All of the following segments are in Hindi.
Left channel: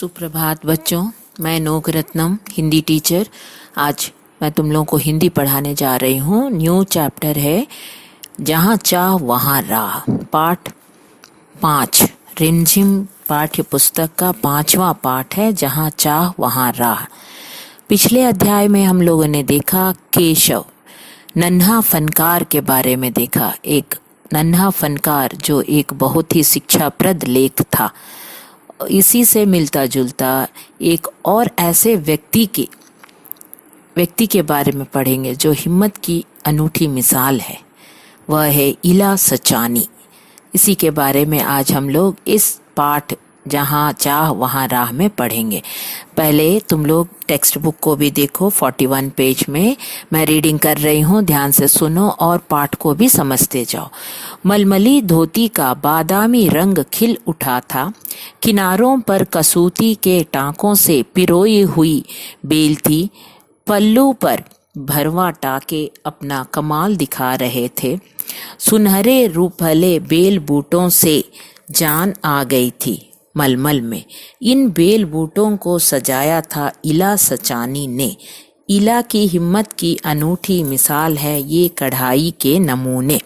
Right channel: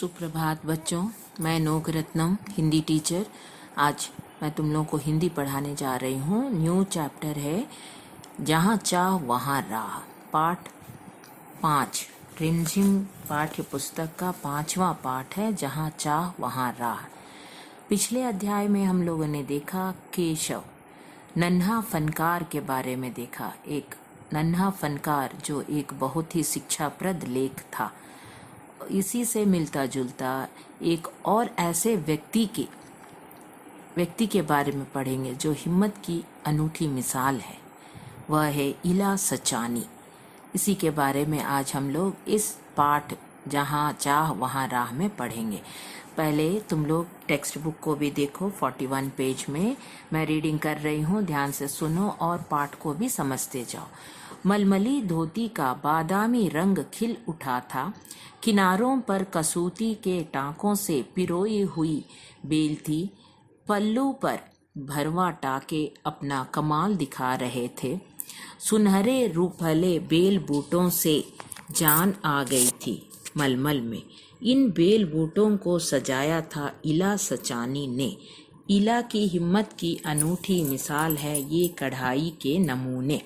सुप्रभात बच्चों, मैं नोक रत्नम हिंदी टीचर। आज मैं तुम लोगों को हिंदी पढ़ाने जा रही हूँ। न्यू चैप्टर है जहाँ चाह वहाँ राह, पाठ 5। रिमझिम पाठ्य पुस्तक का 5वां पाठ है जहाँ चाह वहाँ राह। पिछले अध्याय में हम लोगों ने देखा केशव नन्हा फनकार के बारे में देखा। एक नन्हा फनकार जो एक बहुत ही शिक्षाप्रद लेख था। इसी से मिलता जुलता एक और ऐसे व्यक्ति के बारे में पढ़ेंगे जो हिम्मत की अनूठी मिसाल है। वह है इला सचानी। इसी के बारे में आज हम लोग इस पाठ जहाँ चाह वहाँ राह में पढ़ेंगे। पहले तुम लोग टेक्स्ट बुक को भी देखो। 41 पेज में मैं रीडिंग कर रही हूँ, ध्यान से सुनो और पाठ को भी समझते जाओ। मलमली धोती का बादामी रंग खिल उठा था। किनारों पर कसूती के टाँकों से पिरोई हुई बेल थी। पल्लू पर भरवा टाके अपना कमाल दिखा रहे थे। सुनहरे रूपहले बेल बूटों से जान आ गई थी मलमल में। इन बेल बूटों को सजाया था इला सचानी ने। इला की हिम्मत की अनूठी मिसाल है ये कढ़ाई के नमूने।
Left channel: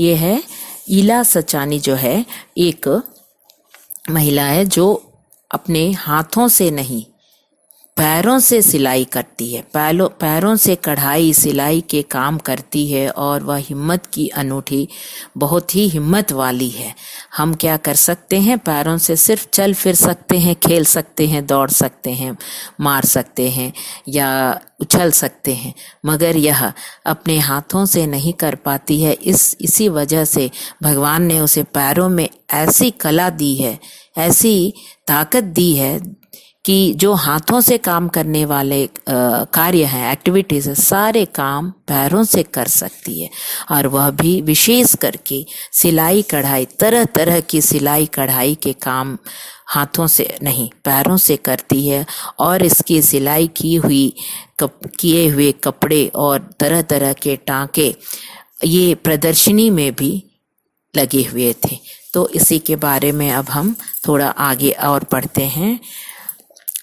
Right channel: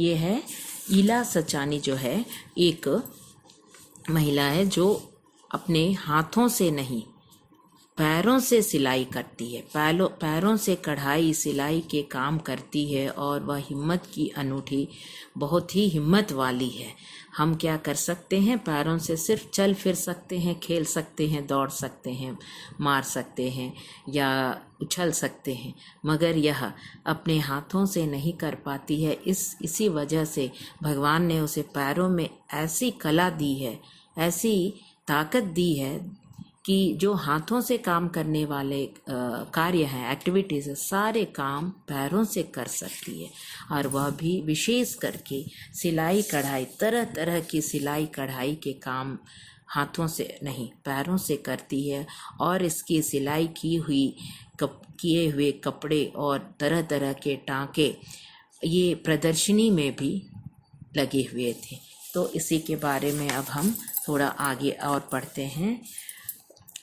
ये है इला सचानी, जो है एक महिला है जो अपने हाथों से नहीं पैरों से सिलाई करती है। पैरों से कढ़ाई सिलाई के काम करती है और वह हिम्मत की अनूठी, बहुत ही हिम्मत वाली है। हम क्या कर सकते हैं? पैरों से सिर्फ चल फिर सकते हैं, खेल सकते हैं, दौड़ सकते हैं, मार सकते हैं या उछल सकते हैं, मगर यह अपने हाथों से नहीं कर पाती है। इसी वजह से भगवान ने उसे पैरों में ऐसी कला दी है, ऐसी ताकत दी है कि जो हाथों से काम करने वाले कार्य हैं, एक्टिविटीज़, सारे काम पैरों से कर सकती है। और वह भी विशेष करके सिलाई कढ़ाई, तरह तरह की सिलाई कढ़ाई के काम हाथों से नहीं पैरों से करती है। और इसकी सिलाई किए हुए कपड़े और तरह तरह के टाँके ये प्रदर्शनी में भी लगे हुए थे। तो इसी के बारे में अब हम थोड़ा आगे और पढ़ते हैं।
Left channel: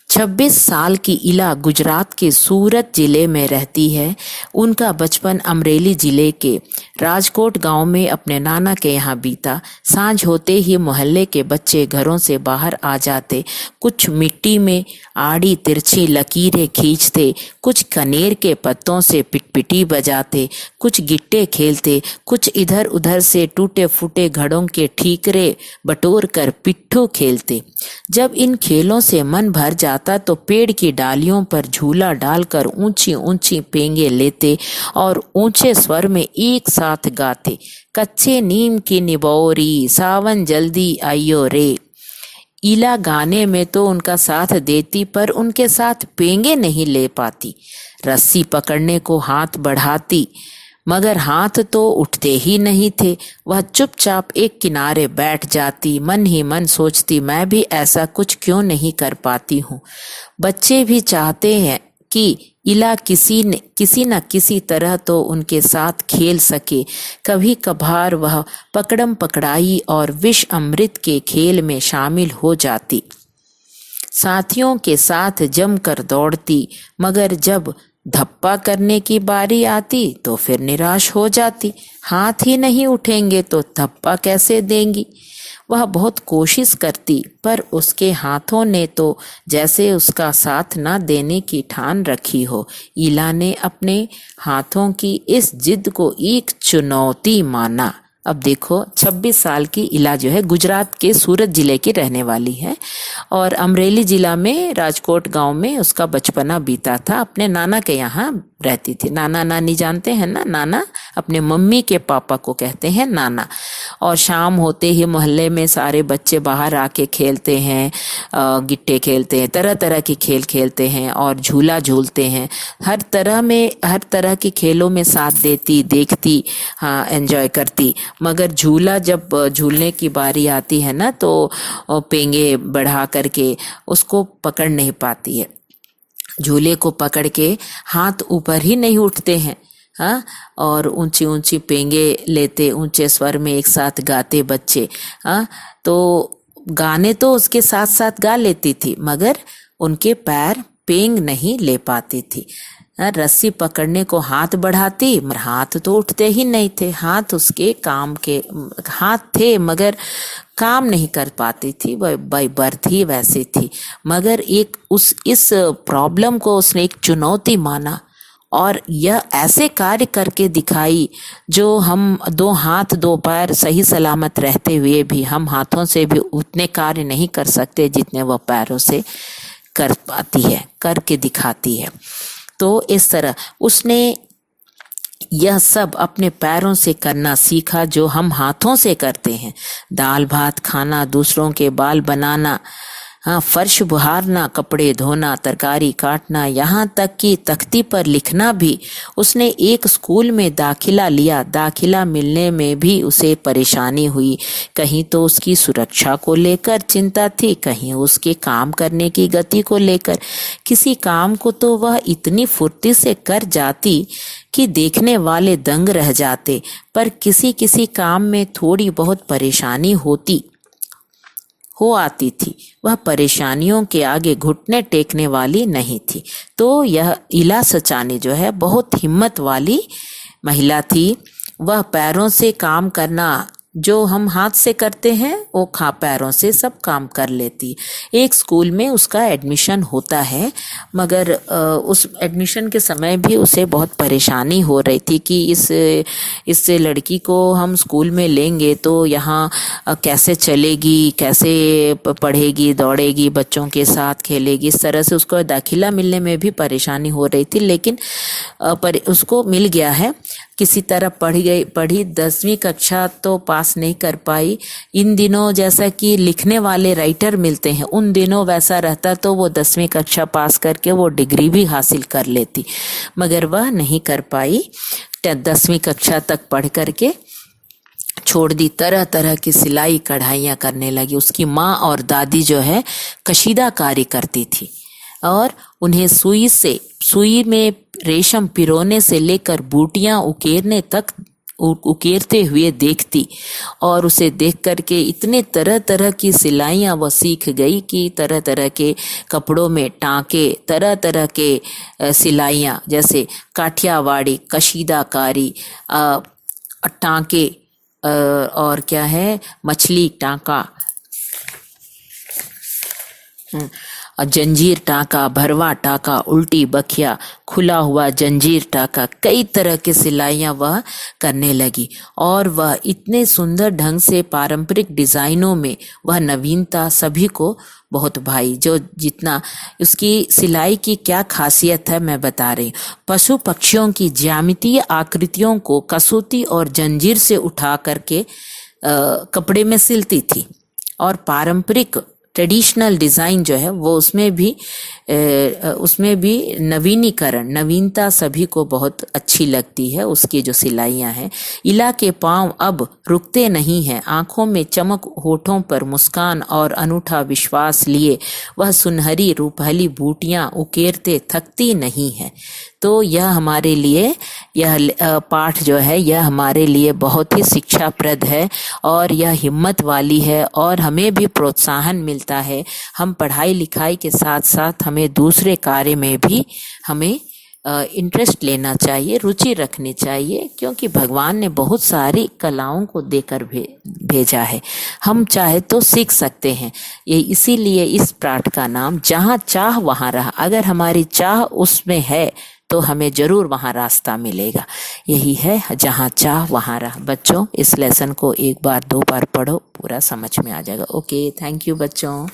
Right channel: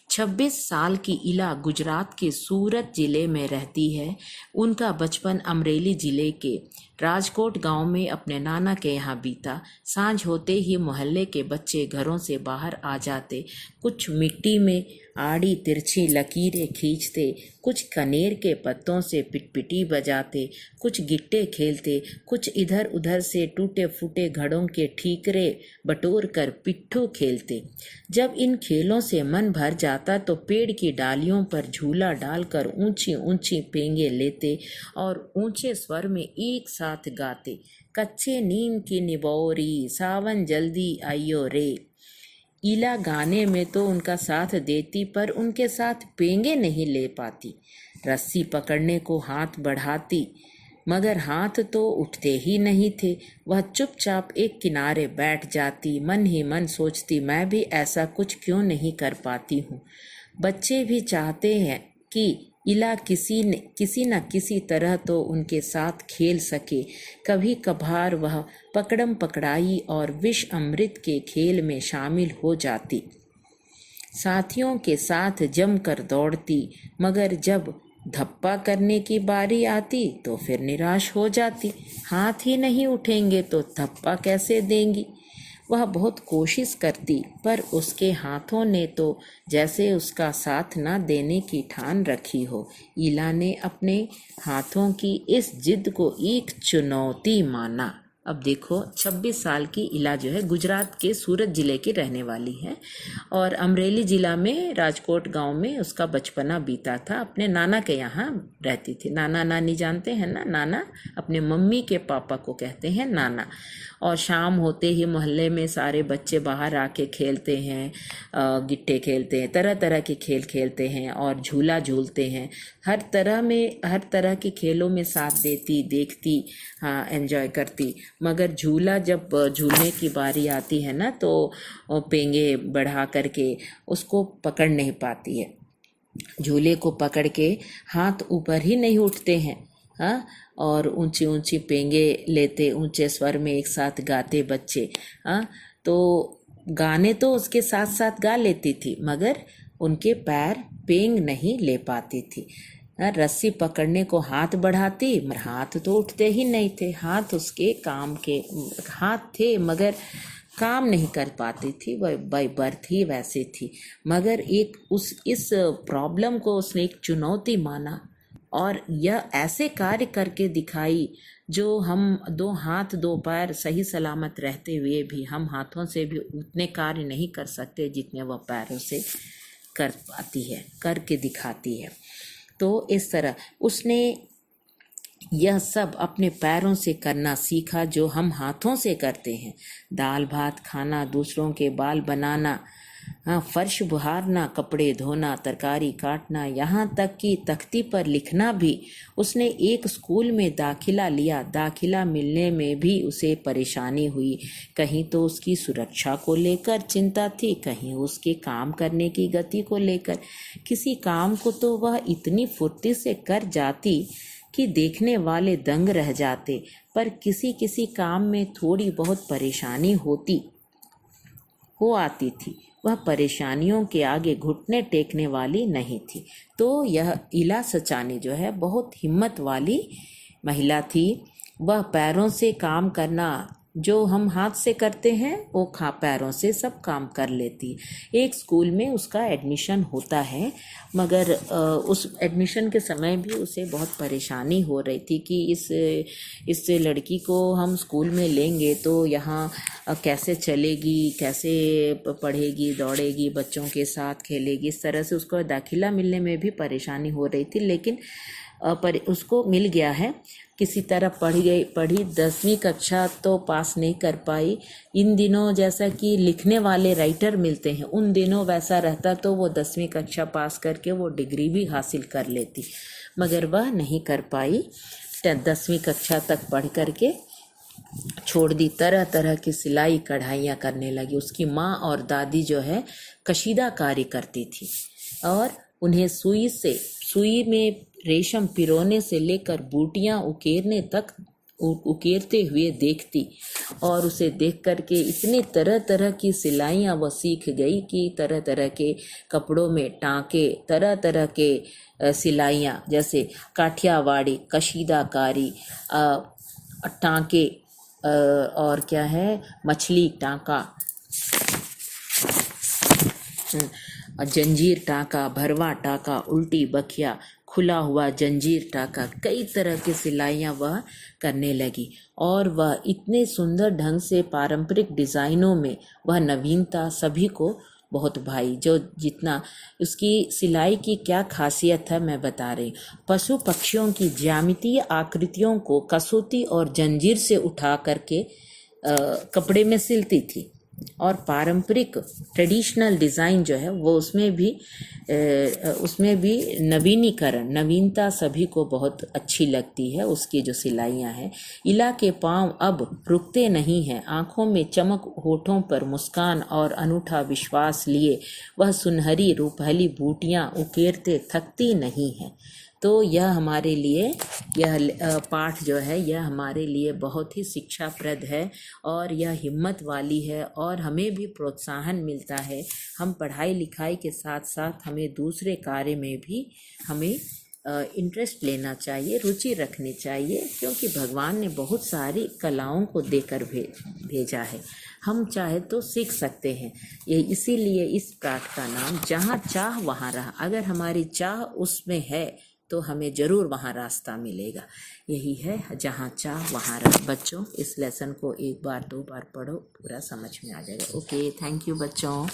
26 साल की इला गुजरात के सूरत जिले में रहती है। उनका बचपन अमरेली जिले के राजकोट गांव में अपने नाना के यहाँ बीता। सांझ होते ही मोहल्ले के बच्चे घरों से बाहर आ जाते। कुछ मिट्टी में आड़ी तिरछी लकीरें खींचते, कुछ कनेर के पत्तों से पिटपिटी बजाते, कुछ गिट्टे खेलते, कुछ इधर उधर से टूटे फूटे घड़ों के ठीकरे बटोर कर पिट्ठू खेलते। जब इन खेलों से मन भर जाता तो पेड़ की डालियों पर झूला डालकर ऊंची ऊंची पेंगे लेते और ऊंचे स्वर में एक साथ गाते, कच्चे नीम की निबोरी सावन जल्दी आइयो रे। इला गाने में तो उनका साथ देती, पर उनके साथ पेंगे नहीं ले पाती। रस्सी पकड़ने को हाथ बढ़ाती, मगर हाथ तो उठते ही नहीं थे। वह चुपचाप एक किनारे बैठ जाती, मन ही मन सोचती, मैं भी ऐसा कुछ क्यों नहीं कर पाती हूँ। बच्चे भी चाहते हैं कि इला किसी न किसी तरह तो उनके साथ खेल सके। कभी कभार वह पकड़म पकड़ाई और विष अमृत के खेल में शामिल हो जाती, साथियों के साथ जमकर दौड़ती, मगर जब धप्पा करने की बारी आती तो फिर निराश हो जाती। हाथ ही नहीं उठेंगे तो धप्पा कैसे देंगी। वह बहुत कोशिश करती, पर उसके हाथों ने तो जैसे उसका साथ न देने की ठान रखी हो। इला ने अपने हाथों की इस जिद को एक चुनौती माना। अब देखो, 26 साल की इला जो है गुजरात के सूरत जिले की रहने वाली है और अमरेली जिला में राजकोट गांव में उसका बचपना बीता था। अपने नाना के यहाँ रहती थी। नाना नानी जानते हैं ना, नाना अपने मम्मी के पापा को कहते हैं नाना। और शाम होते ही मोहल्ले में सारे बच्चे बाहर आके खेलते हैं, गिट्टे खेलते हैं, तरह तरह के खेल खेलते हैं और झूला झूलते हैं। हर तरह के खेलों में साथ देती, देखती, हाँ एंजॉय करती। मगर झूला जब झूलने की बारी आती है ना तो पेंगे बढ़ा करके उसको पकड़ नहीं पाती है। झूले को पकड़ के हाथ ऊपर ही नहीं उठते हैं। हाँ, और ऊंची ऊंची पेंगे लेते, ऊंचे स्वर में एक साथ गाते बच्चे। हाँ, तो गाने तो उसके साथ साथ गा लेती थी, मगर उनके पैर पेंग नहीं ले पाती थी। रस्सी पकड़ने को हाथ बढ़ाती, मगर हाथ तो उठते ही नहीं थे। हाथ उसके काम के हाथ थे, मगर काम नहीं कर पाती थी। वह बाय बर्थ ही वैसी थी। मगर इस प्रॉब्लम को उसने एक चुनौती माना और यह ऐसे कार्य करके दिखाई जो हम 2 हाथ 2 पैर सही सलामत रहते हुए भी हम हाथों से भी उतने कार्य नहीं कर सकते जितने वह पैरों से कर पाती है, करके दिखाती है। तो इस तरह उसने यह सब अपने पैरों से करना सीखा जो हम हाथों से करते हैं। दाल भात खाना, दूसरों के बाल बनाना, फर्श बुहारना, कपड़े धोना, तरकारी काटना, यहाँ तक कि तख्ती पर लिखना भी। उसने एक स्कूल में दाखिला लिया। दाखिला मिलने में भी उसे परेशानी हुई। कहीं तो उसकी सुरक्षा को लेकर चिंता थी, कहीं उसके काम करने की गति को लेकर। किसी काम को तो वह इतनी फुर्ती से कर जाती कि देखने वाले दंग रह जाते, पर किसी किसी काम में थोड़ी बहुत परेशानी आती थी। वह परेशानियों के आगे घुटने टेकने वाली नहीं थी। तो यह इला सचानी जो है बहुत हिम्मत वाली महिला थी। वह पैरों से काम करना जो हम हाथ से करते हैं वो पैरों से सब काम कर लेती। एक स्कूल में उसका एडमिशन होता है, मगर उस एडमिशन के समय भी उसे बहुत परेशानी हो रही थी कि इस लड़की को हम स्कूल में लेंगे तो यहाँ कैसे चलेगी, कैसे पढ़ेगी, दौड़ेगी, बच्चों के साथ खेलेगी। इस तरह से उसको दाखिला मिलने में भी परेशानी हो रही थी, लेकिन उसको मिल गया है। किसी तरह पढ़ी 10वीं कक्षा तो पास नहीं कर पाई। इन दिनों जैसा कि लिखने वाले राइटर मिलते हैं, उन दिनों वैसा रहता तो वो 10वीं कक्षा पास करके वो डिग्री भी हासिल कर लेती, मगर वह नहीं कर पाई। 10वीं कक्षा तक पढ़ करके छोड़ दी। तरह तरह की सिलाई कढ़ाइयाँ करने लगी। उसकी माँ और दादी जो है कशीदा कार्य करती थी और उन्हें सुई में रेशम पिरोने से लेकर बूटियां उकेरते हुए देखती, और उसे देख करके इतने तरह तरह की सिलाइयाँ वह सीख गई कि तरह तरह के कपड़ों में टाँके, तरह तरह के सिलाइयाँ, जैसे काठियावाड़ी, कशीदाकारी, टाँके, और क्या है, मछली टाँका, जंजीर टाँका, भरवा टाँका, उल्टी बखिया, खुला हुआ जंजीर टाँका, कई तरह की सिलाइयाँ वह करने लगी। और वह इतने सुंदर ढंग से पारंपरिक डिज़ाइनों में वह नवीनता सभी को बहुत भाई। जो जितना उसकी सिलाई की क्या खासियत है मैं बता रही हूँ। पशु पक्षियों की ज्यामितीय आकृतियों को कसौती और जंजीर से उठा करके कपड़े में सिलती थी, और पारंपरिक ट्रेडिशनल डिज़ाइन जो है वो उसमें भी नवीनता सभी को बहुत अच्छी लगती है। उसकी जो सिलाइयाँ हैं, इला के पाँव अब रुकते नहीं हैं। आँखों में चमक, होठों पर मुस्कान और अनूठा विश्वास लिए वह सुनहरी रूपहली बूटियाँ उकेरते थकती नहीं है। तो यह हमारे लिए, यह पाठ जो है यह हमारे लिए बहुत ही शिक्षाप्रद है और यह हिम्मत वाली है, और हमें भी प्रोत्साहन मिलता है। हम पढ़ाई लिखाई के साथ साथ हमें दूसरे कार्य में भी हमें इंटरेस्ट लेना चाहिए, रुचि रखनी चाहिए, क्योंकि भगवान ने बहुत सारी कलाओं को देकर भेजा है। हम चाहे तो सीख सकते हैं। ये इसीलिए इस पाठ का नाम जहाँ चाह वहाँ राह। अगर हमारी चाह उसमें है तो हमें ज़रूर वहाँ रास्ता मिलेगा। यही है, जहाँ चाह वहाँ राह। बच्चों, इस लेसन को 1 बार 2 बार पढ़ो, पूरा समझ में आ जाएगा। ओके, थैंक यू बच्चों।